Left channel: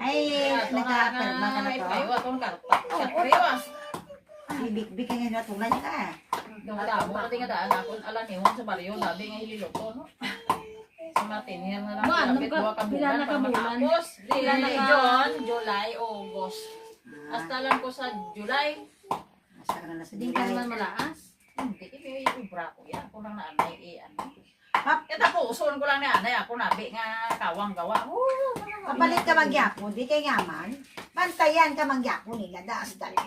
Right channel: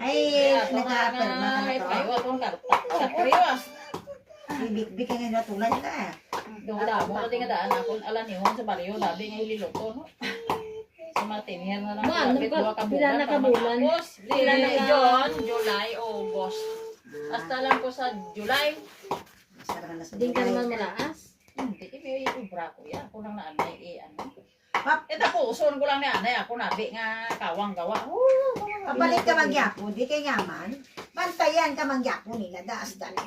Ay, nag-aapirma ka na to. Ay, atong karta. Kapriwas. Bibik-bik ka ngayon natulan ka. Dungda mo kasi nga daan ako alam niyo sa baliyo labi nga ililoto no. Sa matinihan na lang. Pila na kabulan. Pila na ka. June, July, August. Hasta lang ko sa July. Basta ka na sa Hindi ka July. naman malaas. Hindi, may ubra ko yan. Ako lang na anay ano. Pap, Ito po, uson ko lang ni anay. Ako nabi nga kawang gawa. papalit ka mangyapo, di kay ngaman. Bantayan ka mangyapo nila, daas dalo.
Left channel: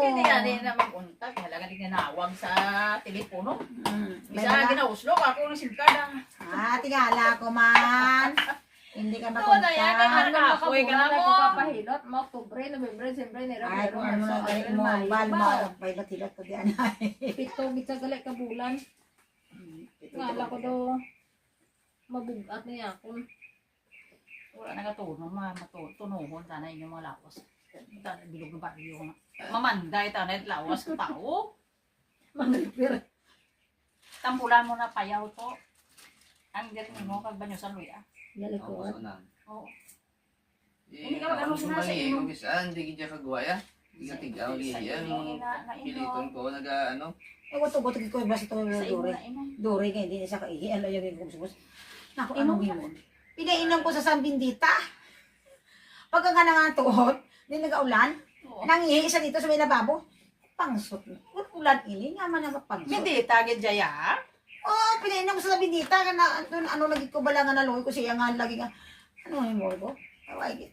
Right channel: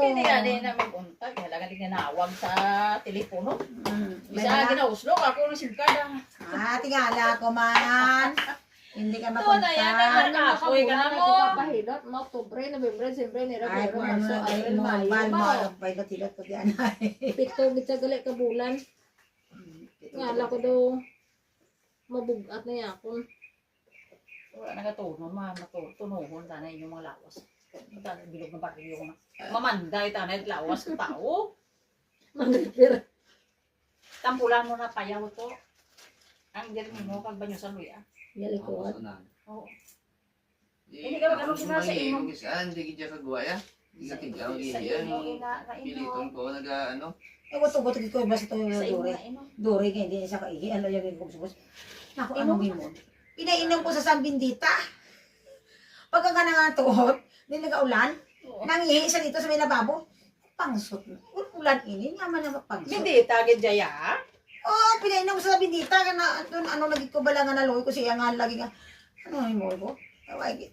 Hindi nga din na mag-untag. Halaga din tinawag sa telepono. Bisa May ginauslog ako ng singkada. tingala ko man. Hindi ka Ito na yan. makontak. Nakapoy ka na mo. Papahilot mo, Oktubre, Nobyembre, Disyembre, Enero, Ay, Febrero, kung ano Marso, na galit Abril, mo, Mayo. bal mo, Mao. pilot-hilot ko diyan. Pito, bitsa galit ka bulan. Ngala ko daw, mabugat na yakon. Wala nagatuno, matutunuhon sana inyong mga lawas. Bilog ng baryo ko na. Mamanday tanay lawas ko tao. Mag-repair. Tampulan mo na payaw to. Ang dirmi mo pag banyo sa luya. Yali ko. Oo. Hindi ka mag-ano sa inyo? Hindi ka kagwaya. Hindi ka tigaw. Piliton ko nag-ano. Ewan to, ba't ko basta to Sa imo dore. na inom. Dore nga, hindi sa kaihi. Ano yung kubos-kubos. Naku, ano mo? Pinainom ko sa Sambindita. Pagka nga nangantuhot, hindi nag-aulan, nangihi isa dito sa may lababo. Pangsot mo. Ulan ini, nga man nagapangsot. Hindi, tagid jaya. Oh, pinainom ko sa Sambindita. Doon, ano, naging ko bala nga naloy ko siya nga lagi nga. Ano yung mo ko? Ay,